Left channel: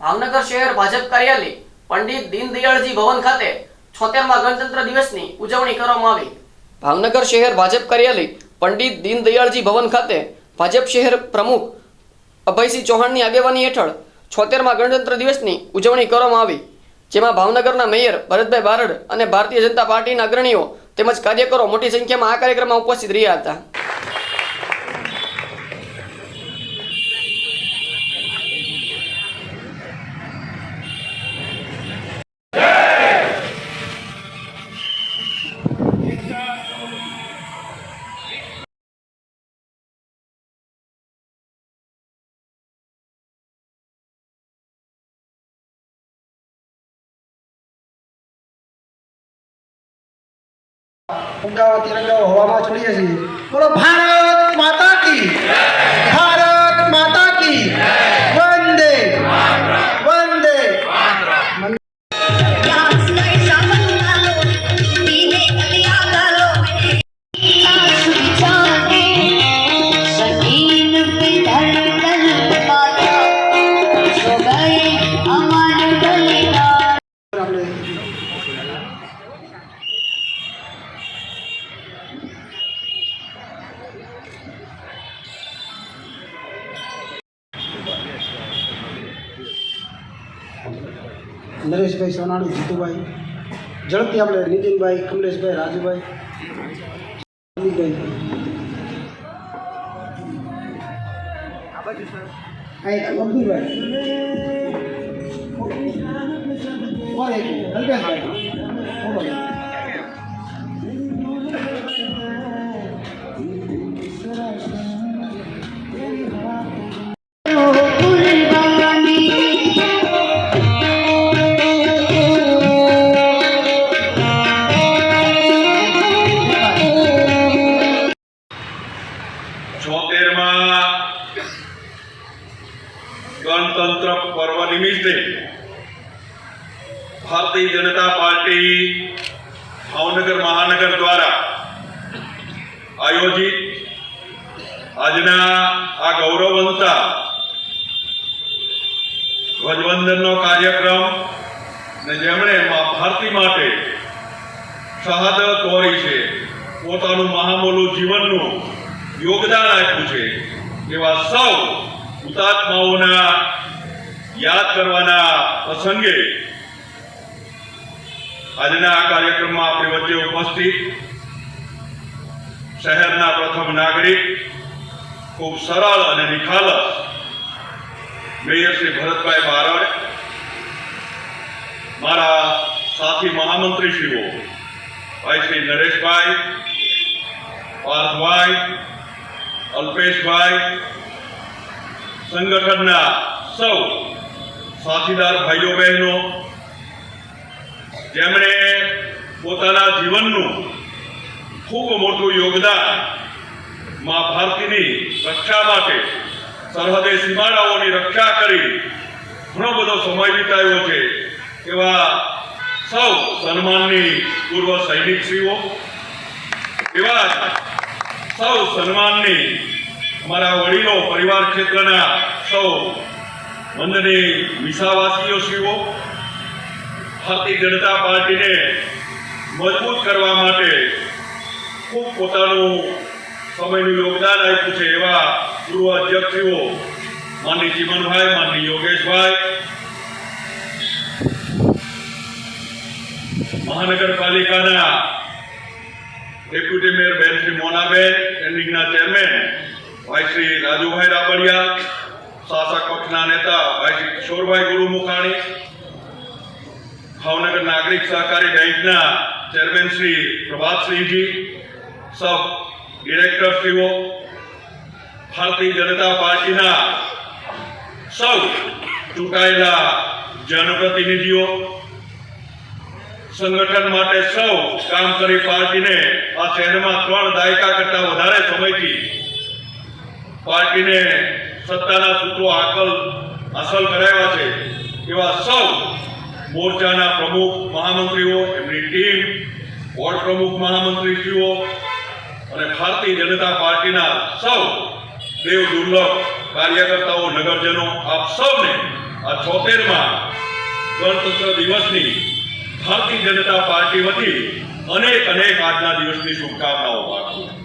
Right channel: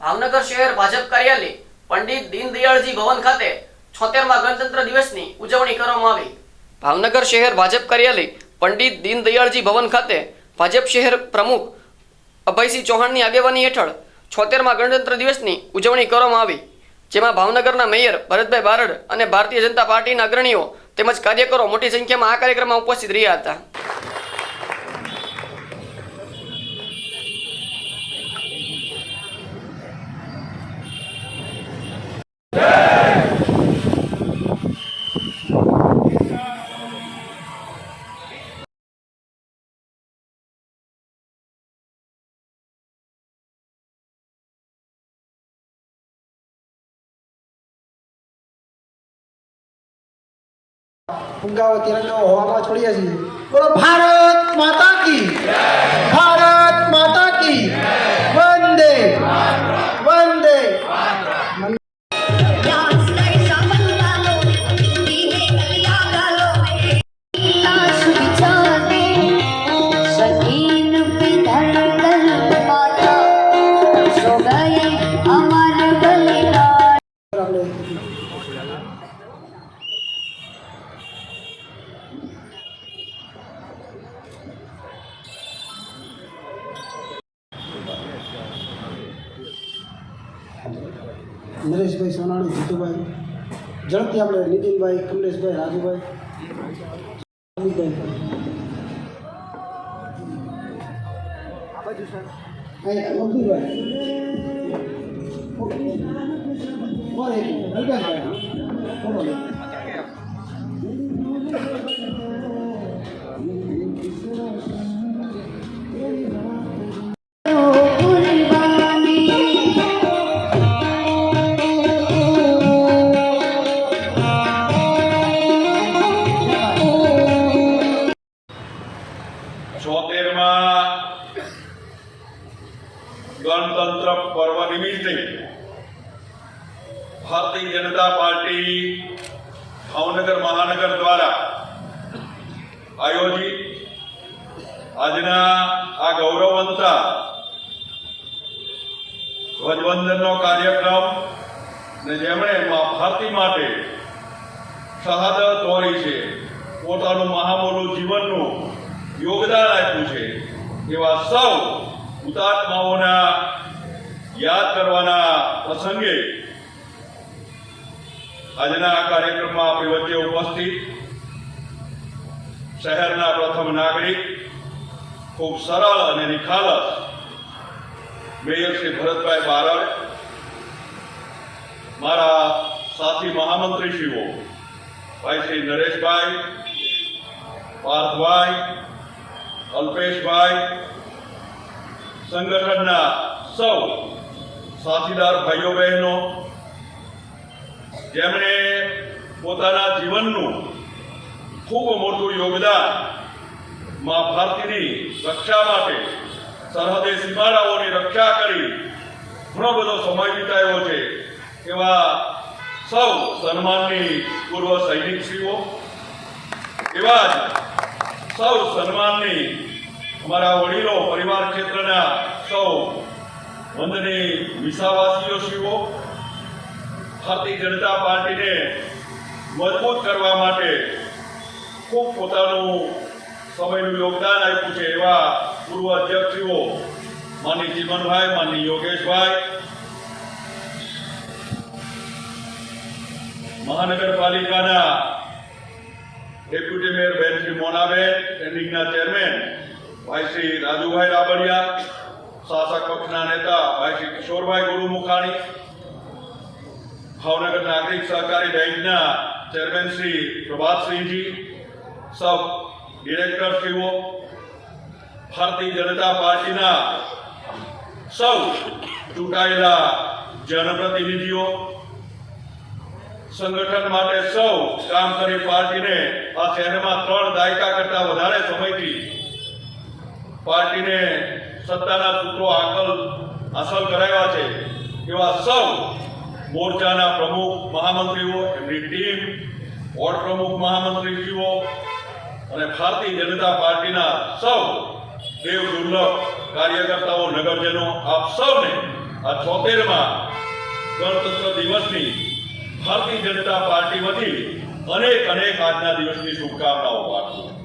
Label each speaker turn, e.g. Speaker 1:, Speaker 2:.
Speaker 1: ભાવનગર શહેર ભાજપ કાર્યાલય પંડિત દીનદયાળજી ભવન ખાતે છોતેરમાં ગણતંત્ર દિવસની ઉજવણી કરવામાં આવી. ભાવનગર શહેર ભાજપ કાર્યાલય પંડિત દીનદયાળજી ભવન ખાતે ભાજપ શહેર પ્રમુખ અભયસિંહ ચૌહાણની આગેવાની હેઠળ છોતેરમાં ગણતંત્ર દિવસની ઉજવણી કરવામાં આવી, જેમાં ભાવનગરના મેયર ભરતભાઈ બારડ અને ભારતીય જનતા પાર્ટીના અગ્રણીઓ તેમજ કાર્યકરો મોટી સંખ્યામાં આ કાર્યક્રમમાં ઉપસ્થિત રહ્યા હતા.
Speaker 2: ફુગાઓ તિરંગાઓ હવામાં છોડીએ છીએ બોલો ભારત માતા કી ભારત માતા કી. નરેશભાઈ સોનાણી જીતુભાઈ ઝડપથી આપણે નીતિનભાઈ કમલેશભાઈ રાજુભાઈ અલ્પેશભાઈ.
Speaker 3: નિમિત્તે ભારતીય જનતા પાર્ટી ભાવનગર મહાનગર દ્વારા આયોજિત આજના આ ગૌરવવંતા ધ્વજવંદનનો કાર્યક્રમ ને જેમણે ભારતી માટે શહાદત વહોરી છે, પોતાનું મહામૂલું જીવનનું યોગદાન આપ્યું છે, એવા સૌ હુતાત્માઓના યાદ કરવાના પ્રસંગે આજના આ કાર્યક્રમમાં આપણી વચ્ચે ઉપસ્થિત શહેરના પ્રથમ નાગરિક, ખૂબ સરળ અને નિખાલસ મેયર શ્રી ભરતભાઈ બારડ, મારા સાથી મહામંત્રીશ્રીઓ, ભાઈ શ્રી નરેશભાઈ, પાર્થભાઈ, અલ્પેશભાઈ, સંગઠનના સૌ સાથીદાર ભાઈઓ બહેનો જેમણે પોતાના જીવનનું ખૂબ મોટું યોગદાન મા ભારતીની રક્ષા માટે સરહદે સીમાડાઓની રક્ષા કરી ઘણો બધો સમય વિતાવ્યો છે, એવા સૌ સન્માનની પૂર્વ સૈનિકશ્રીઓ, એવા સૌ સન્માનની અમારા વડીલો, પરિવાર ક્ષેત્રના સૌ વંદની વિસાવાસીઓ શ્રીઓ ભારતીય જનતા પાર્ટીને મજબૂત કરવા માટે ખૂબ પોતાનું સમયનું યોગદાન આપ્યું છે એવા પૂર્વ અધ્યક્ષીઓ માનની જીવનભાઈ માનની યોગેશભાઈ, મહાનગરપાલિકાના ડેપ્યુટી મેયર બેન શ્રી મોનાબેન સ્ટેન્ડિંગના ચેરમેન ભાઈ શ્રી રાજુભાઈ રાબડિયા શાસક પક્ષના નેતા ભાઈ કિશોરભાઈ ગુરુ મુખાણી ભાવનગર નાગરિક સહકારી બેંકના ચેરમેન શ્રી પ્રભાતસિંહજી, સબ ડિરેક્ટરશ્રીઓ ભારતીય જનતા પાર્ટીના સૌ ચૂંટાયેલા જનપ્રતિનિધિઓ, સંગઠન માટે સૌ કામ કરી પાર્ટીને આ શહેરમાં ત્રણ દાયકા કરતા વધારે સમયથી પાર્ટીને સત્તાના સૂત્રો આકલ હાંસલ કરાવ્યા છે. એવા સૌ મોરચાના પ્રમુખ મહામંત્રીઓ, એમની ટીમ, વોર્ડ પ્રમુખ મહામંત્રીશ્રીઓ અને ભારતીય જનતા પાર્ટીના સૌ દેવ દુર્લભ કાર્યકર્તાઓ, નગરજનો, આપ સૌને આ છોતેરમાં ગણતંત્ર દિવસની ભારતીય જનતા પાર્ટી વતી અનેક અનેક આજના દિવસની શુભકામનાઓ પાઠવું